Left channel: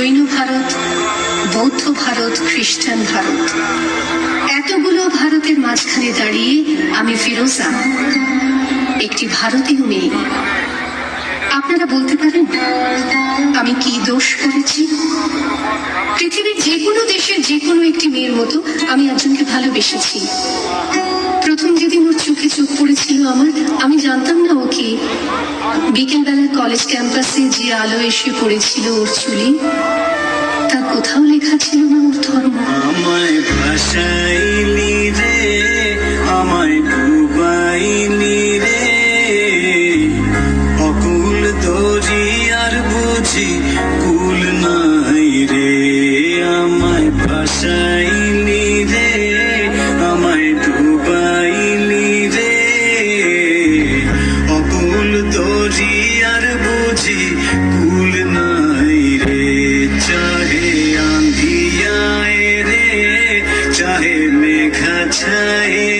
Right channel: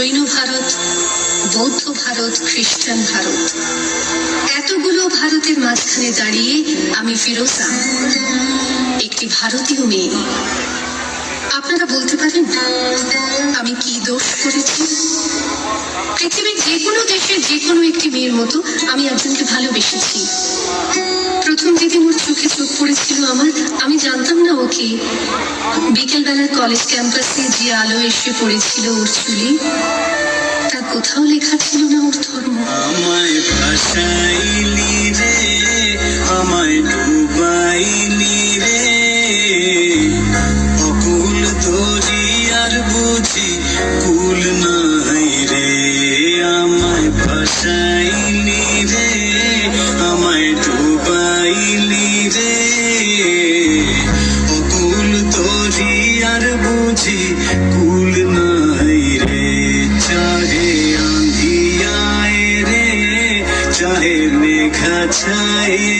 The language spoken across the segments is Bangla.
জৈন ভারত, বৌদ্ধ ভারত, খ্রিস্টান ভারত। এতগুলো ভারতের মাঝখানে দাঁড়িয়ে আমি ফিরোজা, একটি ভারতীয় মেয়ে। আপনারা বলতে পারেন, আমি কি দোষ করেছি? পৃথিবীর যে কোনো দেশের যে কোনো একটি মেয়ের মতো আমি একজনকে ভালোবেসেছি। প্রথম যেদিন ওর চোখে চোখ পড়েছিল আমার, আমি জানতাম না ওকে বিকেলবেলার কলেজ ক্যাম্পাসে যে আলো এসে পড়েছিল ওর চুলে, তার কোথাও লেখা ছিল না ওর ধর্ম। say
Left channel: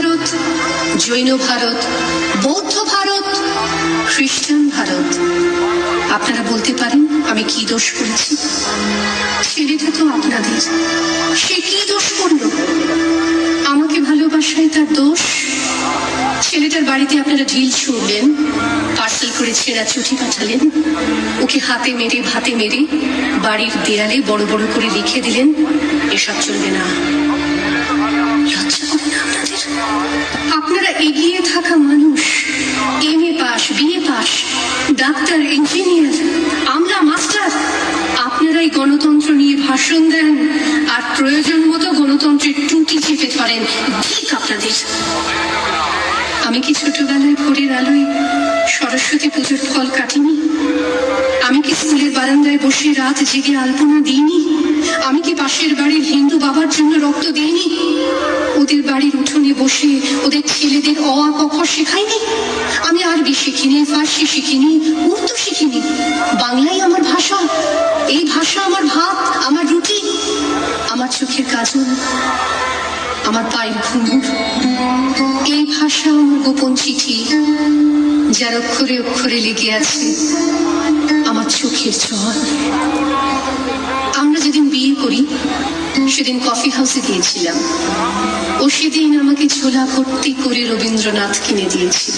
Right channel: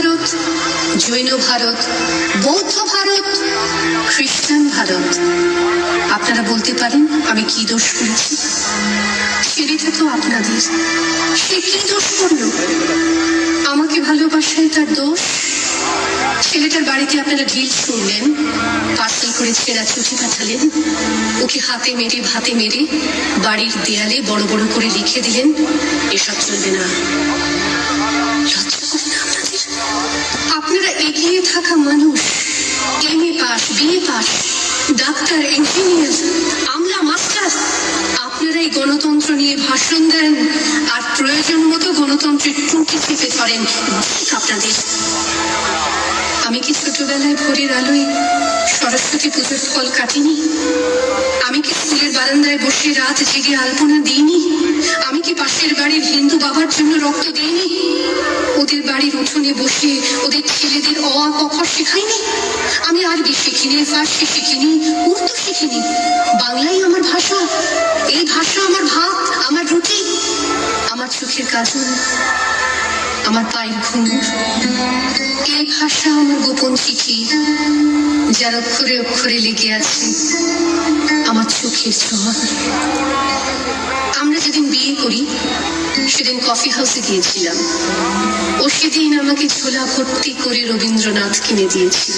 ভারত, জৈন ভারত, বৌদ্ধ ভারত, খ্রিস্টান ভারত। আপনারা বলতে পারেন, আমি কি দোষ করেছি? ছেলেটা তো আপনাদের। সে কি দোষ করল? আমাকে ভালোবাসায় তার দোষ? ছেলেটার বাড়িতে আপনারা ঢিল ছুড়লেন, পার্সেল করে ছেঁড়া চিঠি পাঠালেন, ওকে হাতে মেরে, ভাতে মেরে বাড়ির দেয়ালে বড় বড় করে লিখে দিলেন, এসব চলবে না। আপনারা এগিয়ে থাকা মানুষ, M A pass BA pass, doctor, engineer আমলা মাস্টার আপনারাই গণতন্ত্র নিয়ে ভাষণ দেন আর প্রয়োজন মতো গণতন্ত্রের টুটি চেপে ধরেন। আপনাদের। আমি কি ছোটবেলায় ভোরের আলোয় সরস্বতী পুজোর ফল কাটিনি? আমি কি স্কুলের বারান্দায় বসে রাত জেগে আলপনা দিইনি? আমি কি পাশের বাড়ির হিন্দু বাবার জন্য রক্ত দিইনি? ওদের বাড়ির উঠোনে বসে ওদের ছেলেদের অ খ শেখাইনি? আমি আরবি শিখিনি, ফার্সি শিখিনি, উর্দু শিখিনি। বাংলাই আমার ভাষা। এই ভাষা আমার ভাত, আমার রুটি। আমার চোখের কাজল, আমার পায়ের ঘুঙুর। এই ভাষা আমার গোপন চিঠি, যার অক্ষরে অক্ষরে লেগে আছে। আমার ছোঁয়া। আমরা যেদিন বিয়ে করি, সেদিন কফি হাউসে গিয়েছিলাম। ও সেদিন আমাকে ঝোলা ভর্তি করে রবীন্দ্রনাথ কিনে দিয়েছিল।